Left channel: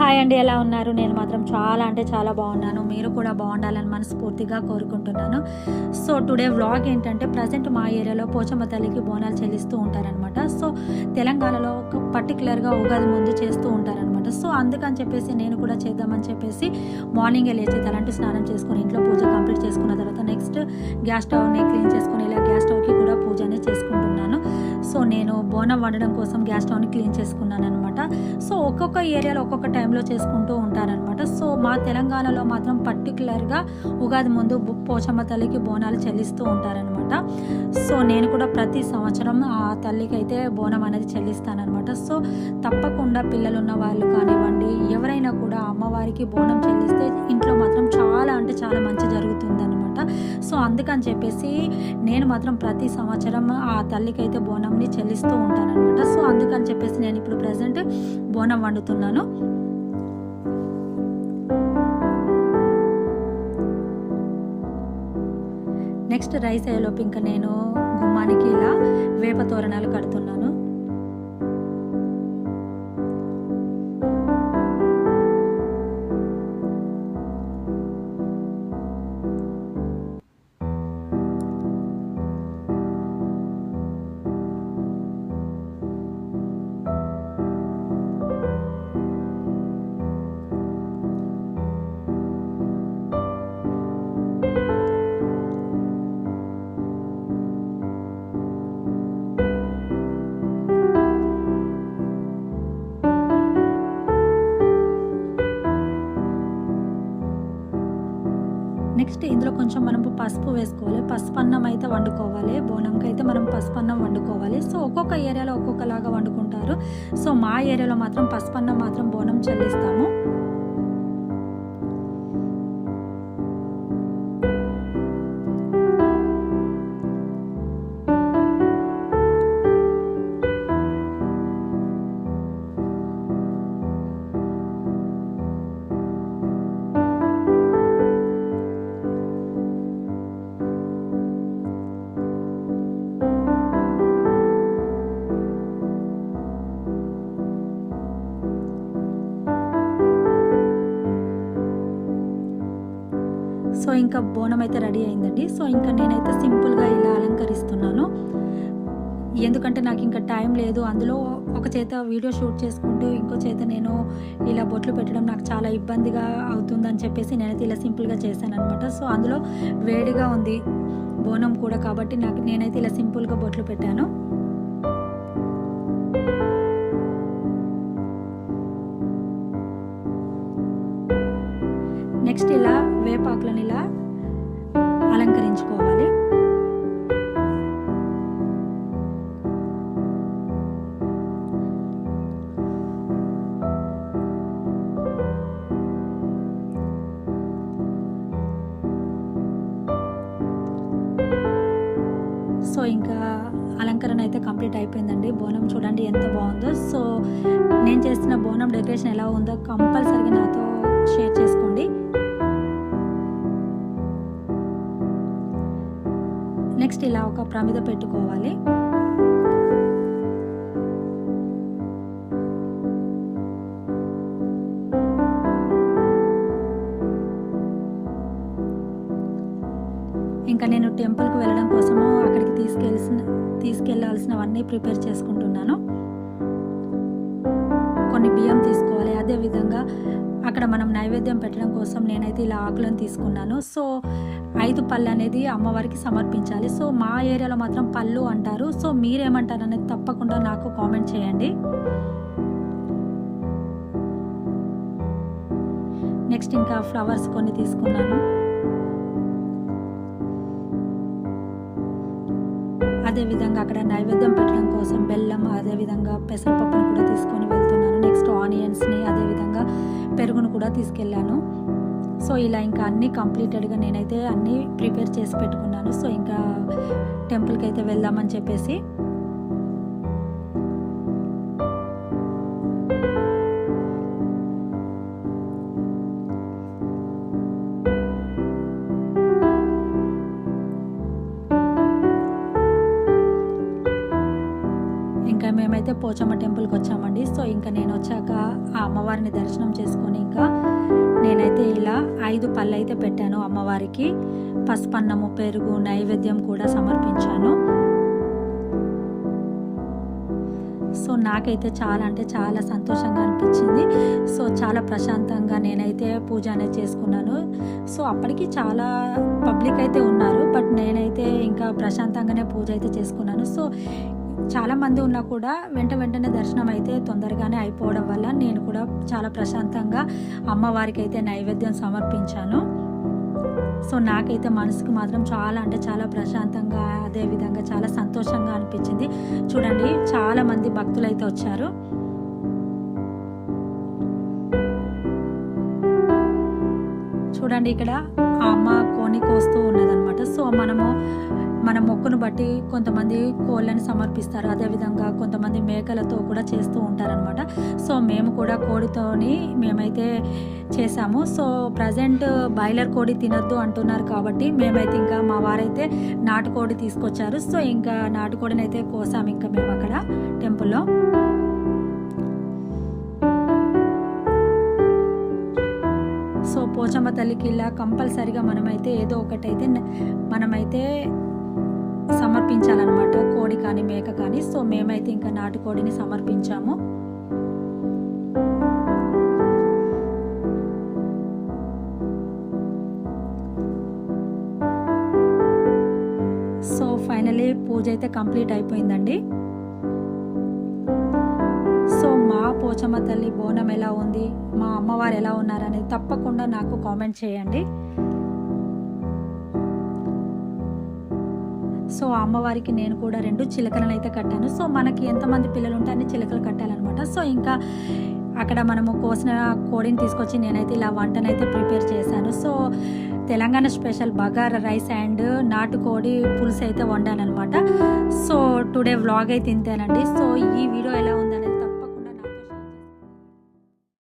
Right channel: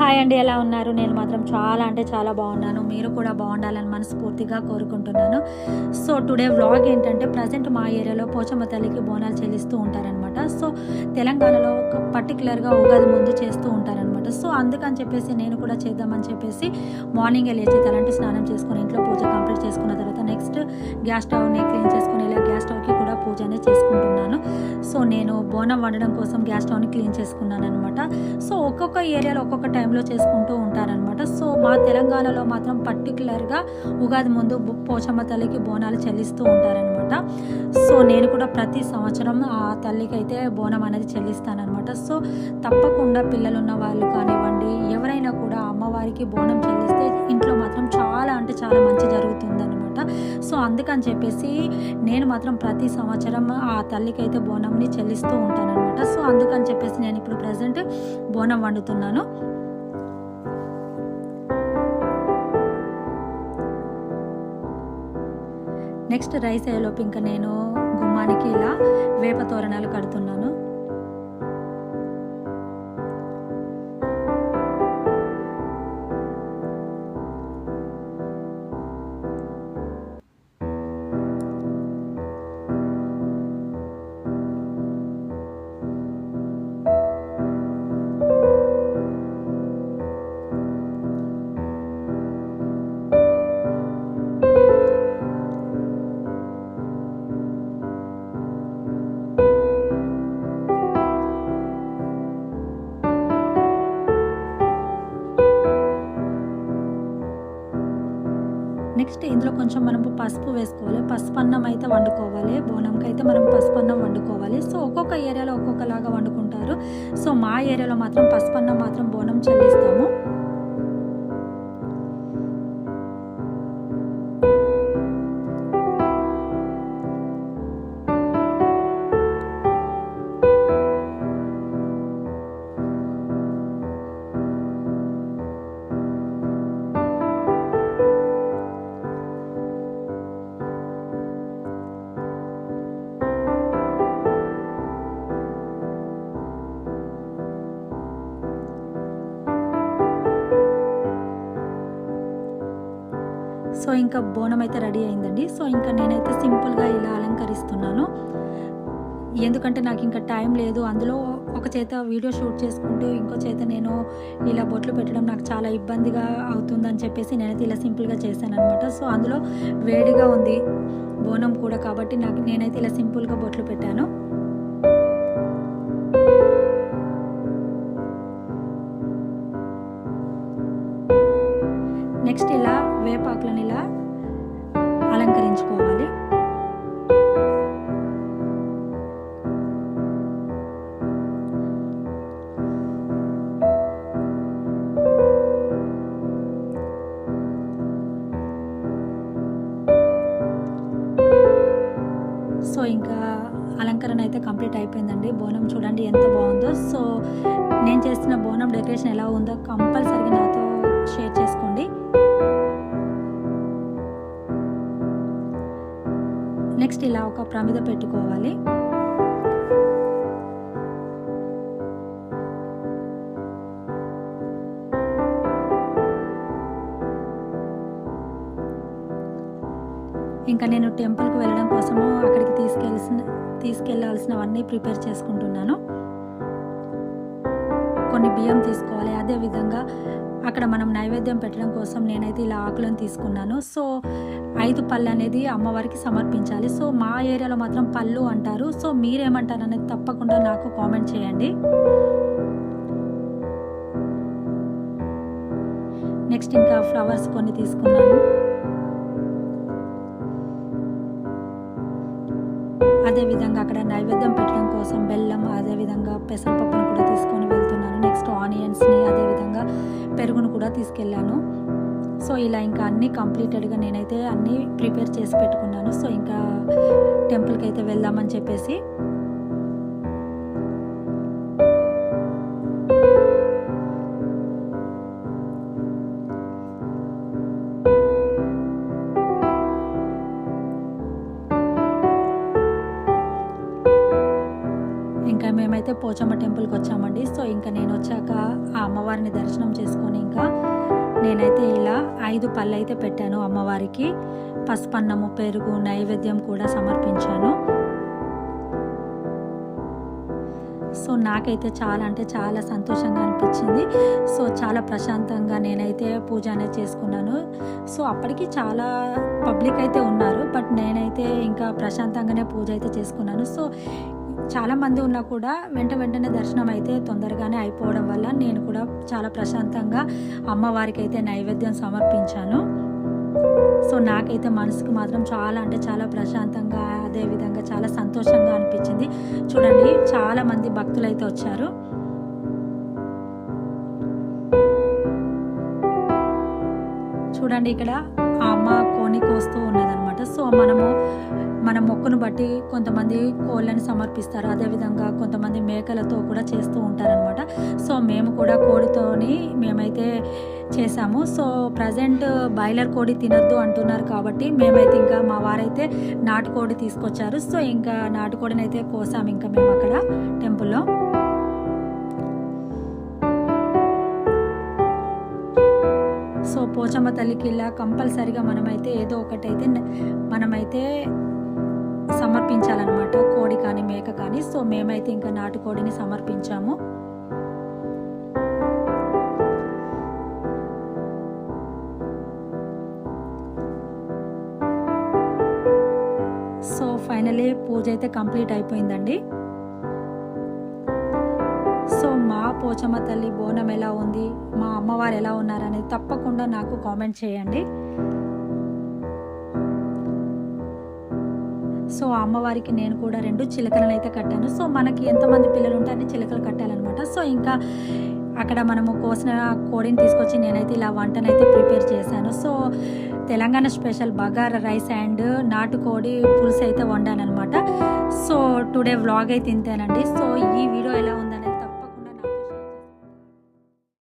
Hi అండి ఎలా ఉన్నారు? నేను మాత్రం చాలా అంటే చాలా బాగున్నాను. మీరు కూడా బాగుండాలని మనస్ఫూర్తిగా కోరుకుంటున్నాను. సో టుడే వ్లాగ్ ఏంటంటే ప్రజెంట్ మా ఏరియాలో పోచమ్మ తల్లికి బోనాలు చెల్లిస్తూ ఉంటారనమాట సో తెలంగాణలో ఒక పర్టికులర్గా ఉగాది ముందు చేస్తూ ఉంటారనమాట సో అందుకని చెప్పేసి నేను కూడా చేద్దామని చెప్పేసి మార్నింగే లేచి తలంటి స్నానం చేసుకొని ఇంట్లో పూజ కంప్లీట్ చేసుకున్న తర్వాత నెక్స్ట్ గ్యాస్ స్టవ్ని క్లీన్ చేసుకొని ఇలా గ్యాస్ స్టవ్కి కూడా పూజ అనేది చేసుకుంటున్నాను. సో నేను బోనం వండడం కోసం గ్యాస్ స్టవ్ని క్లీన్ చేసుకున్నాను అనమాట సో ఒక్కొక్క ఏరియాలో ఒక్కొక్క టైం టైంలో చేసుకుంటూ ఉంటారనమాట సో మా తెలంగాణలో మాత్రం పర్టికులర్గా ఉగాది ముందు పోచమ్మ తల్లికి బోనాలు చెల్లిస్తూ ఉంటారనమాట సో నేను కూడా ప్రతి సంవత్సరం ఆ తల్లికి అయితే బోనం అనేది చెల్లిస్తానమాట సో తప్పకుండా పిల్లలున్న వాళ్ళు కానివ్వండి ఎవరైనా కూడా అమ్మవారికి బోనం చెల్లిస్తే ఇంట్లో మాత్రం చాలా అంటే చాలా మంచి జరుగుతుందనమాట సో అందుకని చెప్పేసి నేను మాత్రం ప్రతి సంవత్సరం ఆ తల్లికి అయితే బోనంని చెల్లిస్తూ ఉంటానన్నమాట. సో అందుకని చెప్పేసి నేను ఇప్పుడు ప్రజెంట్ బోనం వండుతున్నాను. నెక్స్ట్ రైస్ అయ్యేలోపు ఇంకా నేను గుమ్మానికి ఇలా వేప తోరణాలు కడుతున్నాను. నెక్స్ట్ ఇందులో కొంచెం మనం పసుపు వేసుకోవాలి. పసుపు అన్నం అయితే వండుకోవాలి. బోనంకి అయితే మనం పసుపు అన్నం వండుకోవాలి. సో ఒక్కొక్క ఏరియాలో ఒక్కొక్కలాగా వండుకుంటారు. సో మా ఏరియాలో మాత్రం పసుపు అన్నం మాత్రం బోనం చెల్లిస్తాము. సో ఇంకా బోనం అయితే రెడీ అయిందండి. సో ఇంకా నేనైతే సింపుల్గా ఇలా అలంకరిస్తున్నాను. ఎందుకంటే నాకు ఇంకా టైం లేదు. అందులో ఒక చేత వీడియో షూట్ చేసుకుంటూ ఇంకో చేత నేను ఇలా బొట్లు పెట్టడం నాకు చాలా ఇబ్బందిగా అవుతుందని చెప్పేసి నేనైతే ఇలా సింపుల్గా చేశాను అనమాట సో అందులో వేడిగా ఉంది బోనం కూడా కాబట్టి నాకు నేనైతే ఇలా సింపుల్గా బొట్లు పెట్టాను. నెక్స్ట్ ఇలా వేపాకులను ఇలా అలంకరించుకోవాలి? సో ఇంకా అలంకరణ అయితే కంప్లీట్ అయిపోయిందండి. బోనం చూడండి ఎంత బాగుందో. సో నేను చేసిన బోనం డెకరేషన్ ఎలా ఉందో కంపల్సరీగా నాతో షేర్ చేసుకో నెక్స్ట్ ఇలా ఒక ప్రమిద పెట్టుకోవాలి. ఇంకా నేను టెంపుల్కి వెళ్ళడం కోసము అక్కడికి తీసుకెళ్ళాల్సిన తీసుకెళ్ళాల్సినవన్నీ ప్రిపేర్ చేసుకుంటున్నాను. కొన్ని బియ్యం తీసుకోవాలి. అదేవిధంగా అక్కడ మనం నైవేద్యం పెట్టడం కోసం నేనైతే ఇలా ఆకులను తీసుకున్నాను. సో ఐదు పళ్ళు అనేది అమ్మవారికి సమర్పించాలి. సో మా ఏరియాలో మాత్రం పళ్ళు అంటారు. సో మీరేమంటారు అనేది తప్పకుండా నాకు కామెంట్ చేయండి. నెక్స్ట్ ఇంకా ఫ్లవర్స్ కొన్ని తీసుకున్నాను. అదే విధంగా అక్కడ నైవేద్యం పెట్టడం కోసం బెల్లం అదే విధంగా పెసరపప్పును కూడా తీసుకొని వెళ్తున్నాను. నెక్స్ట్ ఆనియన్స్ని అదే విధంగా పెరుగును కూడా తీసుకెళ్ళాను. సో ఇలా ఇంకా అన్నీ కంప్లీటెడ్గా నేనైతే అన్నీ ప్రిపేర్ చేసి పెట్టుకున్నాను. సో ఇంకా టెంపుల్కి అయితే వెళ్దామని చెప్పేసి మేమైతే పోచమ్మ టెంపుల్కి వచ్చామండి. సో ఇంకా నేను వచ్చాక ఆ అమ్మవారిని దర్శనం చేసుకొని ఇంకా నేనైతే ఇలా ఐదు పళ్ళు అయితే పెట్టాను అమ్మవారికి. పసుపన్నము పెరుగు నైవేద్యం కూడా సమర్పించాను. సో నాకైతే చాలా అంటే చాలా సంతోషంగా అనిపించింది. సో చాలా ప్రశాంతంగా నేనైతే పూజ అనేది చేసుకున్నాను. సో అప్పటికి చాలా పబ్లిక్ అయితే ఉన్నారు. బట్ నేనైతే ఇంకా ప్రశాంతంగానే పూజ అయితే చేసుకున్నాను. సో చాలా మంది ఉన్నా కూడా వెంట వెంటనే దర్శనం అయితే తొందరగానే అయిపోవడం వల్ల నేను కూడా చాలా ప్రశాంతంగా అమ్మవారికి అయితే నైవేద్యం సమర్పించాను. సో నాకైతే మనసుకు మాత్రం చాలా అంటే చాలా ప్రశాంతంగా అదేవిధంగా చాలా సంతోషంగా అనిపించింది. చూడండి చాలామంది భక్తులు అయితే వచ్చారు. చూడండి ఇక్కడ ఆ అమ్మ కోని కోస్తూ ఉన్నదనమాట సో మనము మన మొక్కును బట్టి కొంతమంది కోళ్ళని సమర్పిస్తారు. అదేవిధంగా కొంతమంది మేకలతో కూడా చేస్తూ ఉంటారనమాట సో మేము కూడా కోడితోని మేమైతే చేసాము సో ప్రజెంట్ బాయిలర్ కోడి తినద్దు అంటున్నారు కాబట్టి మేమైతే ఇంకా మా వారైతే నాటుకోడి తీసుకొచ్చారు. సో ఇంకా నాటుకోడిని అయితే కోసాము ఇంకా మేము అక్కడ టెంపుల్లో. సో పోచమ్మ తల్లికి ఇలా కంపల్సరిగా మనమైతే ఏదో ఒకటైతే మనమైతే సమర్పించాలన్నమాట. కోడి కానీ మేక కానీ. సో మేమైతే ఇంకా నాటుకోడిని సమర్పించాము. సో ఫైనలీ పూజ అయితే కంప్లీట్ అయిపోయిందండి. సో మా పోచమ్మ తల్లి బోనం ఎలా ఉంది? మా అమ్మవారు ఎలా ఉన్నారు అనేది తప్పకుండా నాకు కామెంట్ చేయండి. సో అమ్మవారికి నేను కూడా రెండు చిలకలను అయితే కట్టాను. సో మనకి ఎంతమంది పిల్లలు ఉంటే అన్ని చిలకలు కట్టాలన్నమాట. సో ఇంకా అక్కడ మనము కోసిన కోడిని తీసుకొచ్చి నేనైతే ఇలా వంటనైతే ప్రిపేర్ చేశాను. So Telangana special bagara rice and నాటుకోడి పులుసు అయితే వండాను అనమాట సో టుడే వ్లాగ్ అయితే తింటానండి సో ఈ వీడియో ఎలా ఉందనేది